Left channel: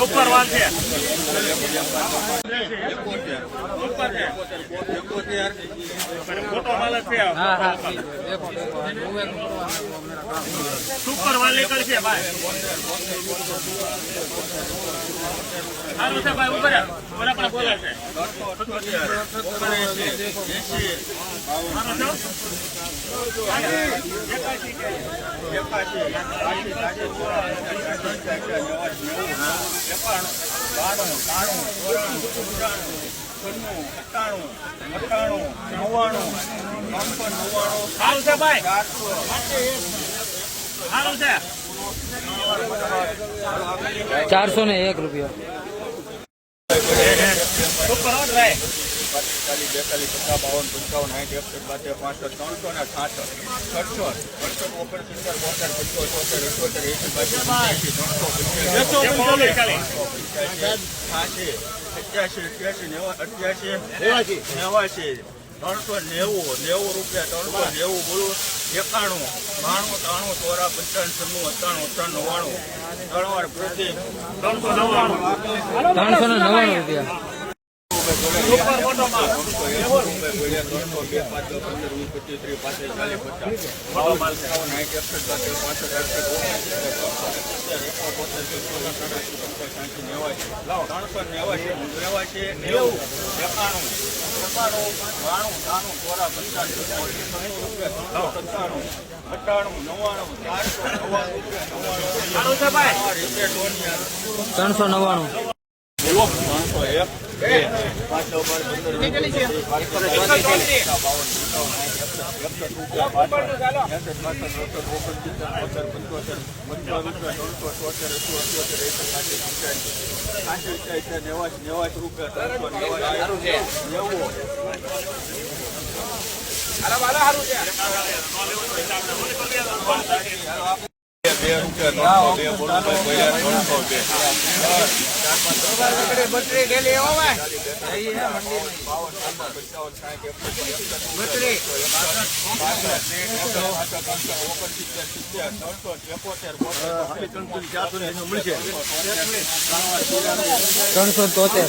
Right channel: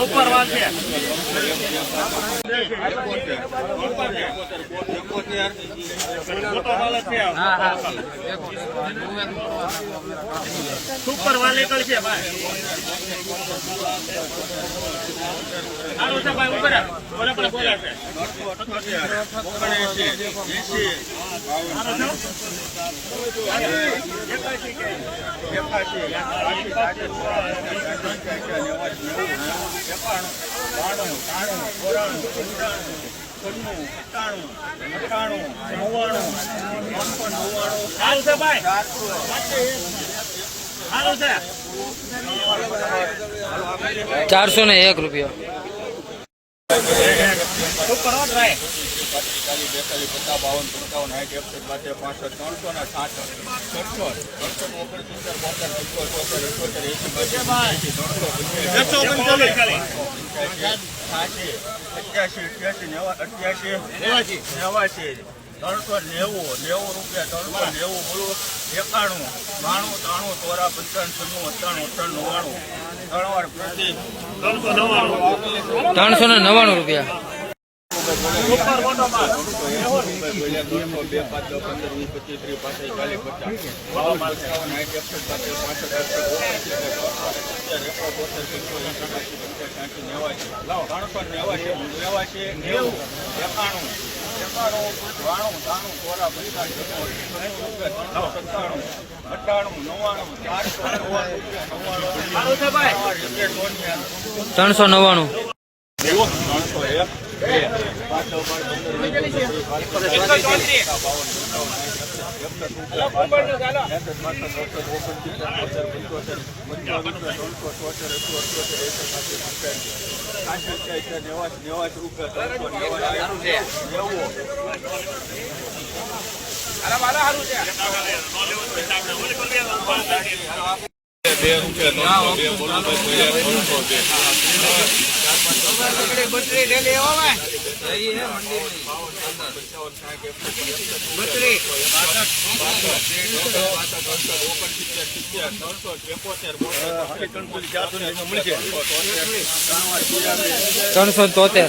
Super વાલ છે. મોટો માલ છે. સુપર વાલ નીકળ છે, ભાઈ. સારું છે, ભાઈ ઉપર બોલે, પણ બોલે છે. સારું છે ભાઈ. સારું છે. ચારસો ને એક રૂપિયા. ભાઈ ચાલીસ બેતાલીસ પચાસ બાવન પંચાવન સાઠ એકસઠ બાતેર પાસઠ ત્રણસો ને સાઠ છસો છસો ઓગણ સિત્તેર બોતેર પંચોતેર ચોતેર અઠોતેર એસી બાસી પંચ્યાસી ત્રણસો પંચ્યાસી છ્યાસી અઠ્યાસી અઠ્યાસી નેવા અઠ્યાસી નેવાસી. નેવાસી ત્રણસો નેવું નેવું રૂપિયા ત્રણસો નેવું બોલું એકાણું બાણું ત્રાણું ચોરા પંચાવન છન્નું અઠાણું અઠાણું નવ્વાણું ત્રણ વાર ત્રણસો નવ્વાણું. ત્રણસો ને નવ્વાણું. રૂપિયા. એકાણું બાણું ત્રાણું ચોરા પંચાસ સત્તાણું નવ્વાણું ચારસો નવ્વાણું ત્રણસો નવ્વાણું. ત્રણસો એક નેવાસી નેવાસી રૂપિયા ત્રણસો નેવાસી નેવું બે રૂપિયા ત્રણસો બે ત્રણસો બે ત્રણસો તોતેર.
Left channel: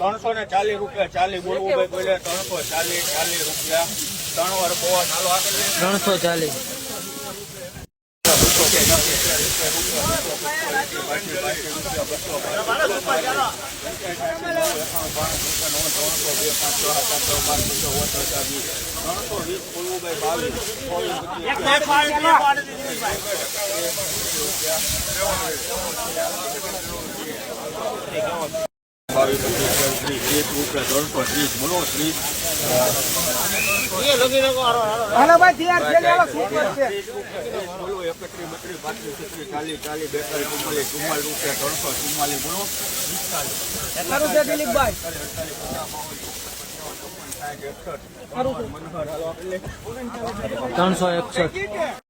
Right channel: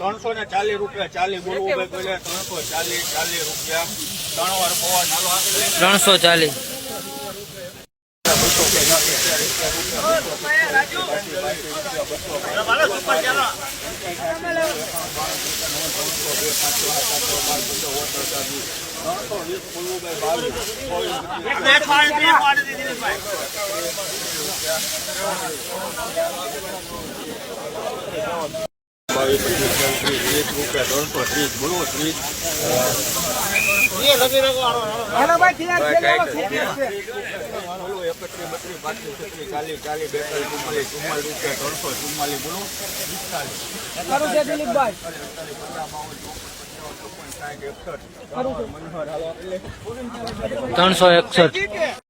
ત્રણસો ને ચાલીસ રૂપિયા, ચાલીસ બોલવું ભાઈ બોલે ત્રણસો ચાલીસ ચાલીસ રૂપિયા. ત્રણ વાર પોવા ત્રણસો ચાલીસ ત્રણસો વીસ બોલવું બાવીસ પચીસ ત્રીસ ત્રીસ. રૂપિયા ત્રણસો ત્રીસ બોલો. ત્રીસ ત્રણસો એકત્રીસ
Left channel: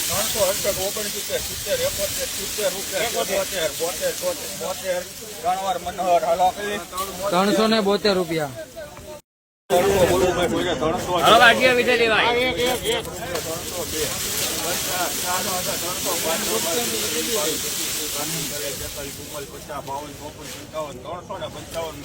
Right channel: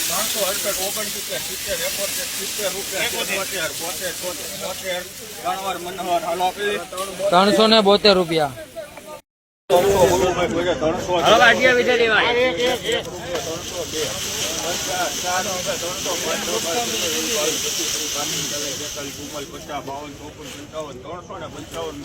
ત્રણસો અડસઠ ઓગણસિત્તેર રૂપિયા બોતેર બોતેર બોતેર ત્રણ વાર ત્રણસો ને બોતેર રૂપિયા. ત્રણસો ત્રણસો ત્રણસો ત્રણસો ત્રણસો ને પંચાવન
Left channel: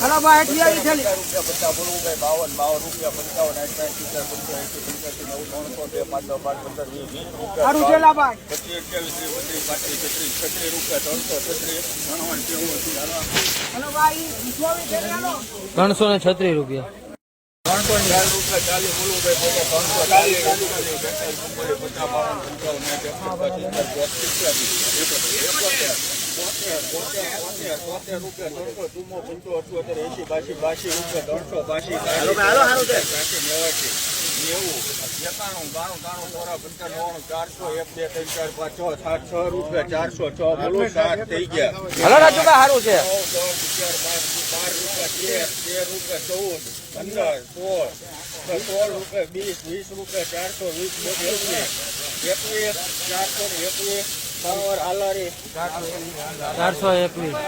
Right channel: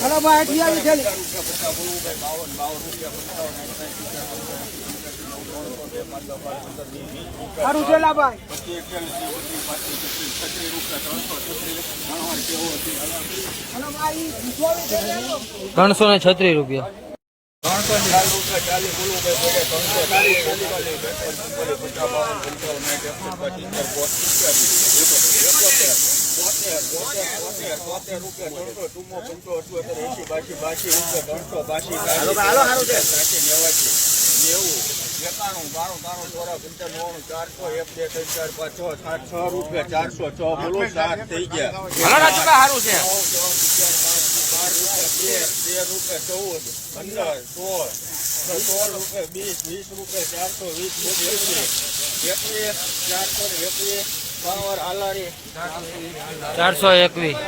બોલો પંચાવન હાલો આગળ રૂપિયા પચાસ ભાઈ બાવન બાવન રૂપિયા પંચાવન પંચ્યાસી પંચ્યાસી નવ ત્રણસો બે પાંચ દસ પંદર વીસ વીસ રૂપિયા પચીસ અઠ્યાવીસ ત્રીસ બત્રીસ પાંત્રીસ છત્રીસ છત્રીસ રૂપિયા ત્રણસો છત્રીસ ત્રણ કેવું ત્રણસો ને છત્રીસ રૂપિયા. ત્રણસો ચાલીસ રૂપિયા ચાલીસ બોલવું ભાઈ બોલે ત્રણસો ચાલીસ બોલવું પચાસ બાવન પંચાવન એક એકસઠ સિત્તેર બોતેર બોતેર બોતેર બોતેર રૂપિયા ત્રણસો બાસી બાસી રૂપિયા ત્રણસો બાસી છે. નેવાસી નેવું એકાણું બાણું ત્રાણું ચોરા પંચાવન નવ્વાણું ચારસો એક બે ત્રણ પાંચ છ સાત છ રૂપિયા ચારસો છ બોલો સાત થઈ ગયા સારું છે નવ, દસ, રૂપિયા તેર તેર રૂપિયા ચૌદ પંદર સોળ સોળ રૂપિયા વીસ વીસ રૂપિયા ચારસો વીસ એકવીસ એકવીસ ચારસો ને એકવીસ ચારસો એકવીસ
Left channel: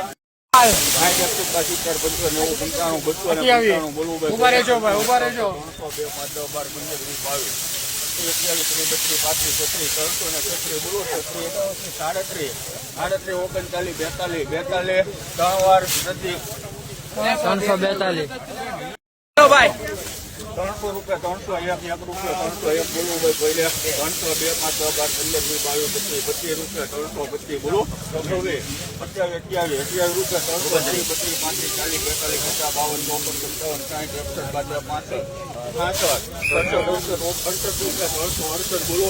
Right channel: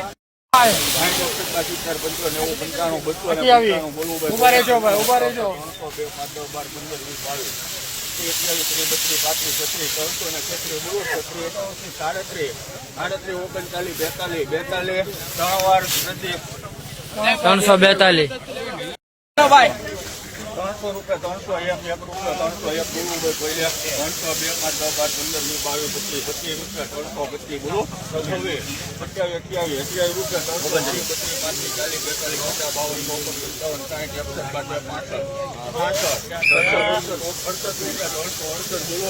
ઊભા રહેજો ભાઈ ઊભા રહેજો. ત્રણસો બે પાંચ દસ બાર પંદર વીસ બાવીસ ત્રીસ બત્રીસ પાંત્રીસ છત્રીસ ત્રણસો ને છત્રીસ બોલો છત્રીસ એકાવસી સાડત્રીસ સાડત્રીસ બેતાલીસ. બેતાલીસ ત્રણ વાર બધી ત્રણસો બેતાલીસ ભાઈ. ત્રણસો રૂપિયા ત્રણસો એક એક રૂપિયા ત્રણસો એક બોલું ભાઈ પહેલે ત્રણસો બે પાંચ દસ બાર પંદર વીસ બાવીસ પચીસ પચીસ રૂપિયા ત્રણસો પચીસ બોલો. છવ્વીસ અઠ્યાવીસ અઠ્યાવીસ અઠ્યાવીસ રૂપિયા ત્રણસો બત્રીસ પચીસ પાંત્રીસ ચાલીસ બેતાલીસ પચાસ બાવન ચોપન સત્તાવન સાઠ એકસઠ બાદ પાસઠ પાસઠ ત્રણસો અડસઠ અડસઠ રૂપિયા ત્રણસો અડસઠ બોલો.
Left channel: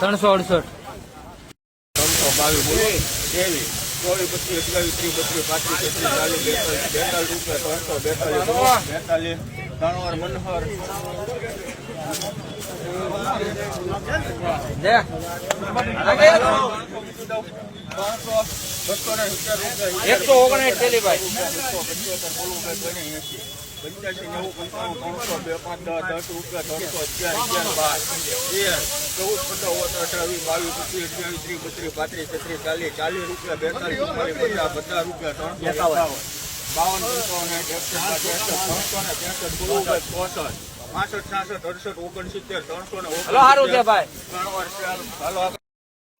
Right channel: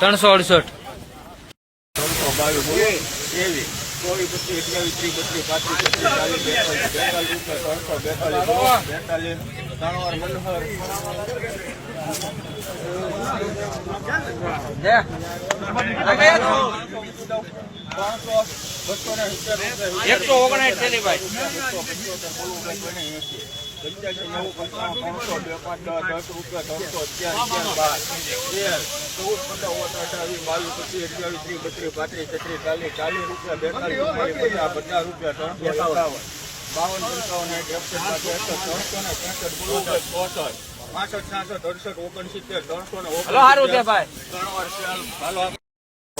ત્રણસો અડસઠ. ત્રણસો બાવીસ બોલો. ત્રેવીસ ચોવીસ પચીસ અઠ્યાવીસ ત્રીસ બત્રીસ પાંત્રીસ પચીસ ચાલીસ બેતાલીસ બેતાલીસ રૂપિયા ત્રણસો બેતાલીસ બેતાલીસ ત્રણવાર મનોહર બસો ને સિત્તેર રૂપિયા એકસો ઓગણસાઠ બોલવું એંસી પંચ્યાસી નેવું પંચાણું ત્રણસો બે દસ રૂપિયા ત્રણસો અગિયાર અગિયાર તેર ચૌદ પંદર ઓગણ અઠાવીસ બાવીસ પચીસ ત્રીસ બત્રીસ પાંત્રીસ છત્રીસ ચાલીસ ચાલીસ રૂપિયા બેતાલીસ પચાસ પચાસ રૂપિયા ત્રણસો એકાવન બાવન પંચાવન એકસો ત્રણસો ને ત્રેસઠ બોલો ચોસઠ પાસઠ છાસઠ અડસઠ ઓગણસિત્તેર ત્રણસો ને હાલો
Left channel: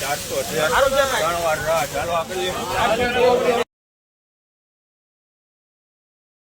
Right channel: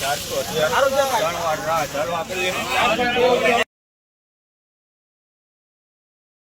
ચારસો ચારસો આપેલી